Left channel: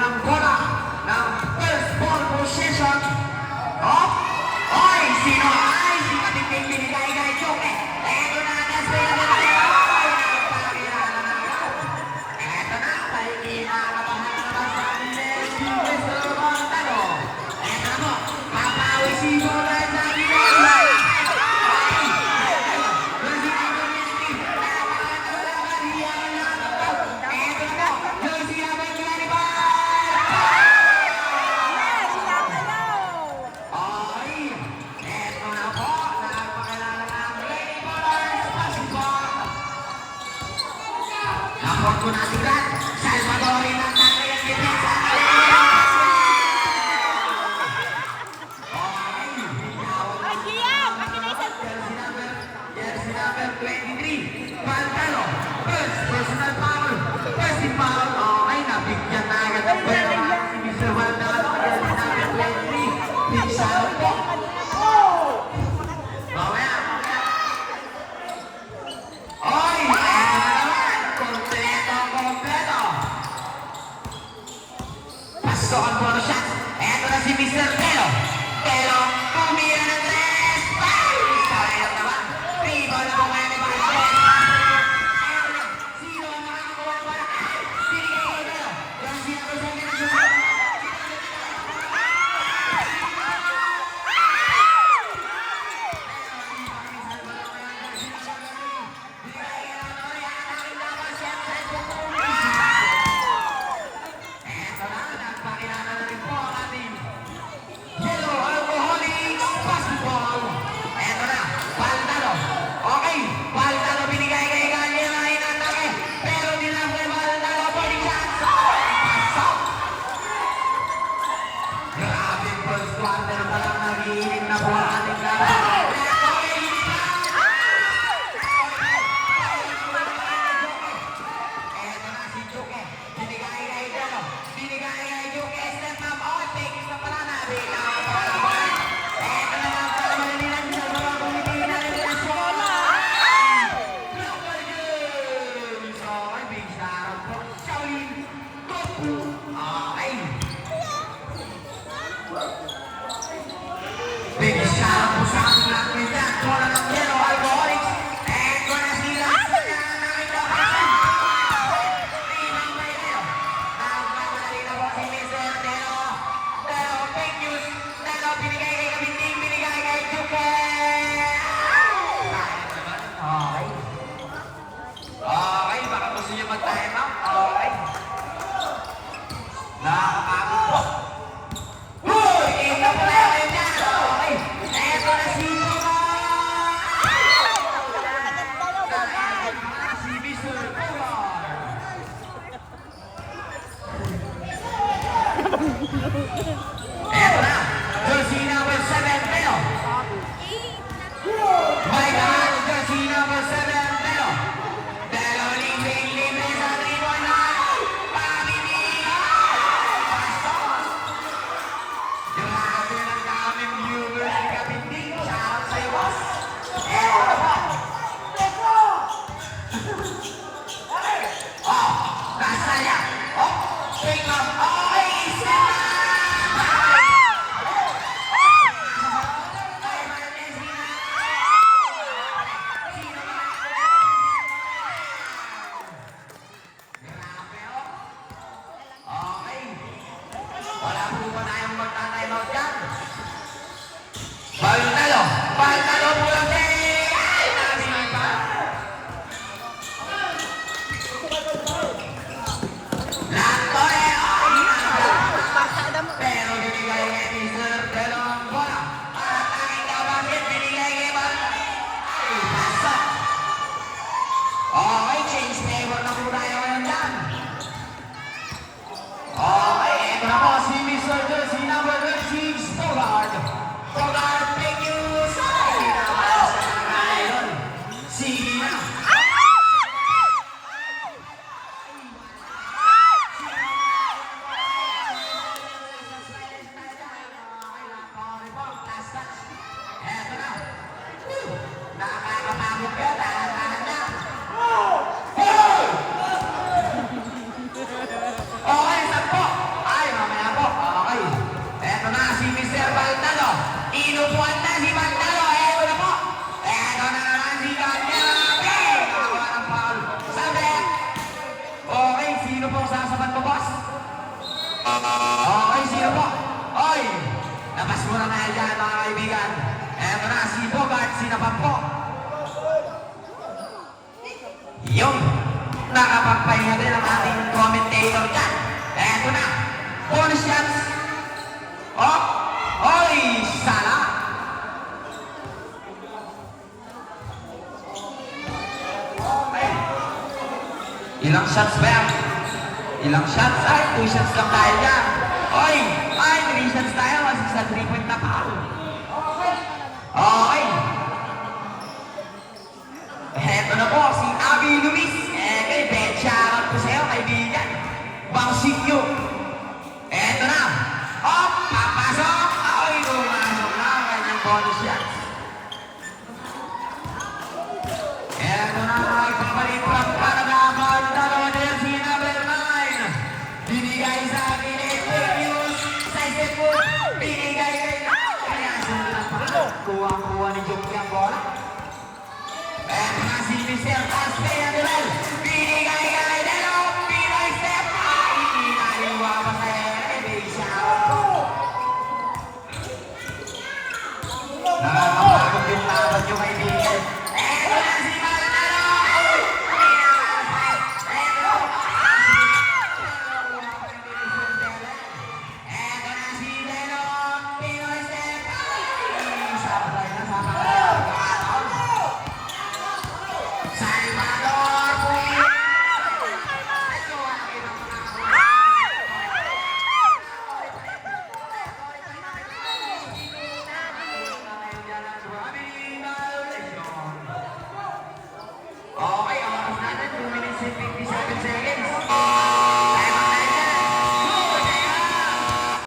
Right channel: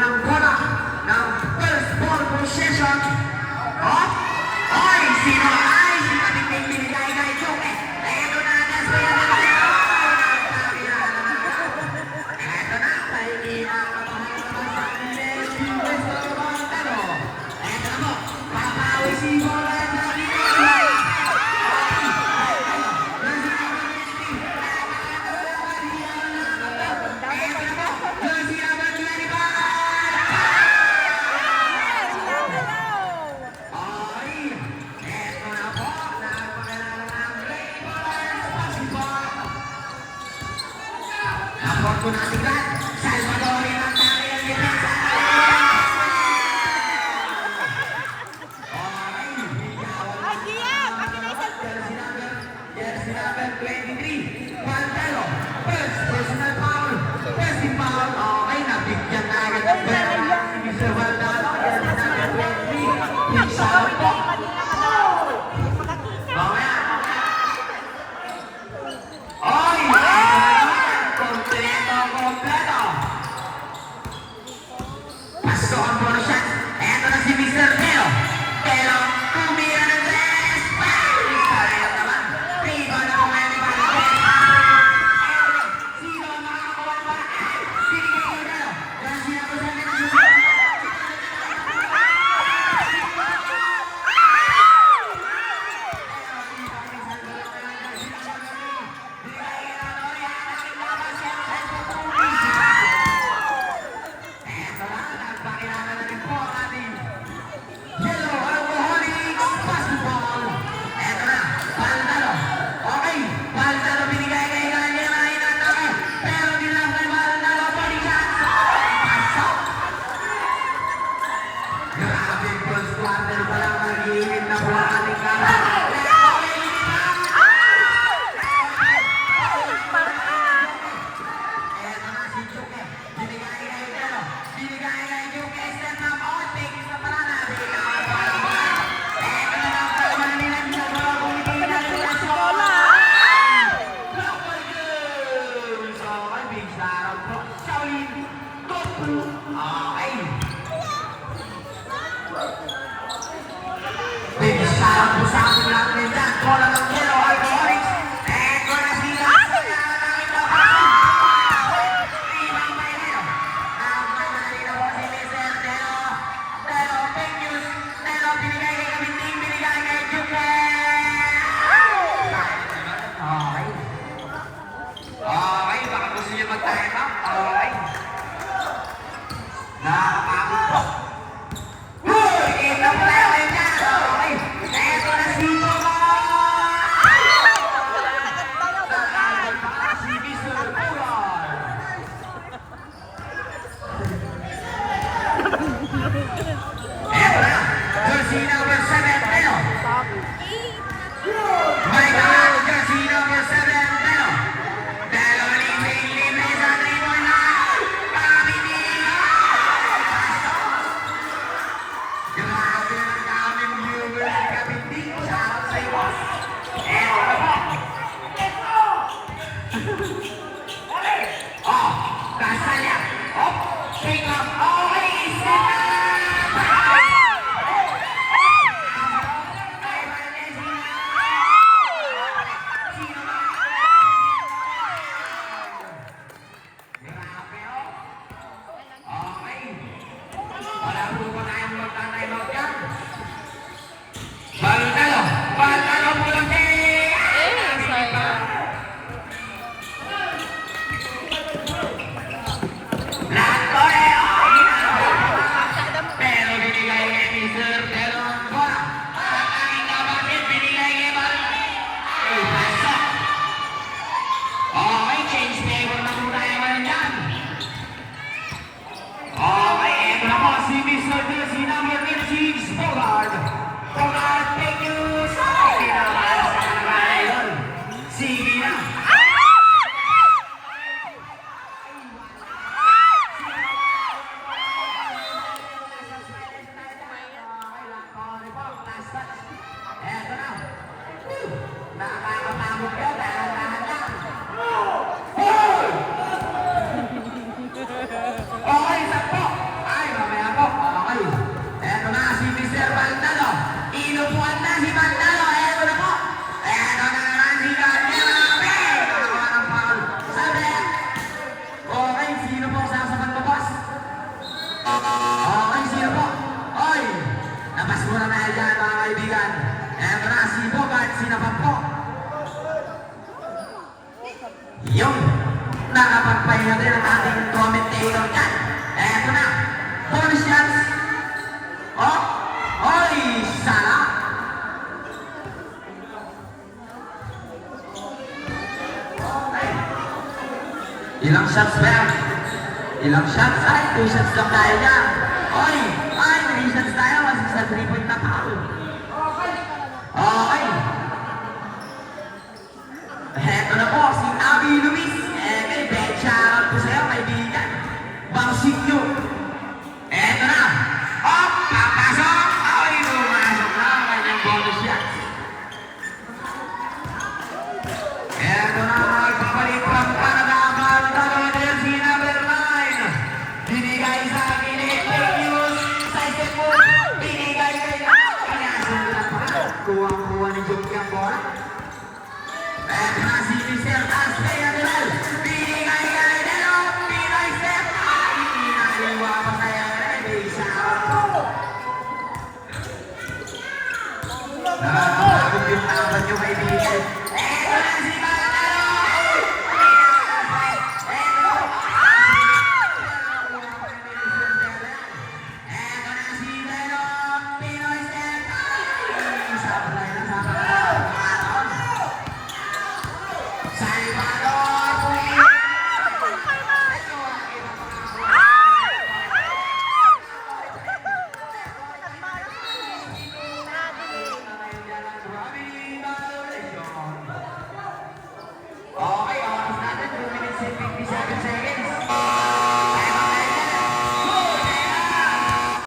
ng bola ng first ball possession. Oh! Oy! Sino ay? Si Kapiting binigay kay Joke. Eto na, Desmond na binigay. Eto na, kay kinakabahan naman sa atin si Mr. Montano. Eto na po, papawi si Bola sa binigay. Kung natin lahat, Salvador ang tari ang depensa. Okay, jersey number 23, Pantalo, first personal foul, first foul. Okay, nabigyan na agad ng pera naman si Mr. Valdano, jersey number 23, Pixaro po. Mamaya. Oy! Kompleto. Pasto ang bonus shot. Eto na si Mr. Telo. Telo, kumira ng tres. Sayang naman. Rebound na kung ano ba. Sino ang makakakuha ng bola? Binigay ko Telo. Kasi ako sa akin ang susunod. Okay, sakto. na si Bogart, sinapan po. Yung nakapagpahinga din ang ating commentator dyan. Eto na, bonus shots. Oh, oy, sala. Ilang shots ba? Ilang shots? Ay, 2 shots lang tayo dyan. Oy, ay, 3 shots tayo. Masig sa 3-point na foul. Okay. Heto na po, si Abby Luis. Kay Ben, shoutout po sa'yo, kaibigan. Bangsikyo. Heto na. Hop, papasok. Ay, pumasok na ang kanyang bonus shots. Heto na, magbabalik pa Panagabal. Dalawa din si number 9. Binigay sa akin ni Quick News. Sa isip po, binigay kay Pinasundan pa. Kuha-kuha ni Joki ang bola. Heto na si Mr. Taspe Adel. Binigay kay Delo. Pinoy step. Ay, inaliwa pa kaya may shoutout po. Nakakapagod yung tapat yung kaibigan.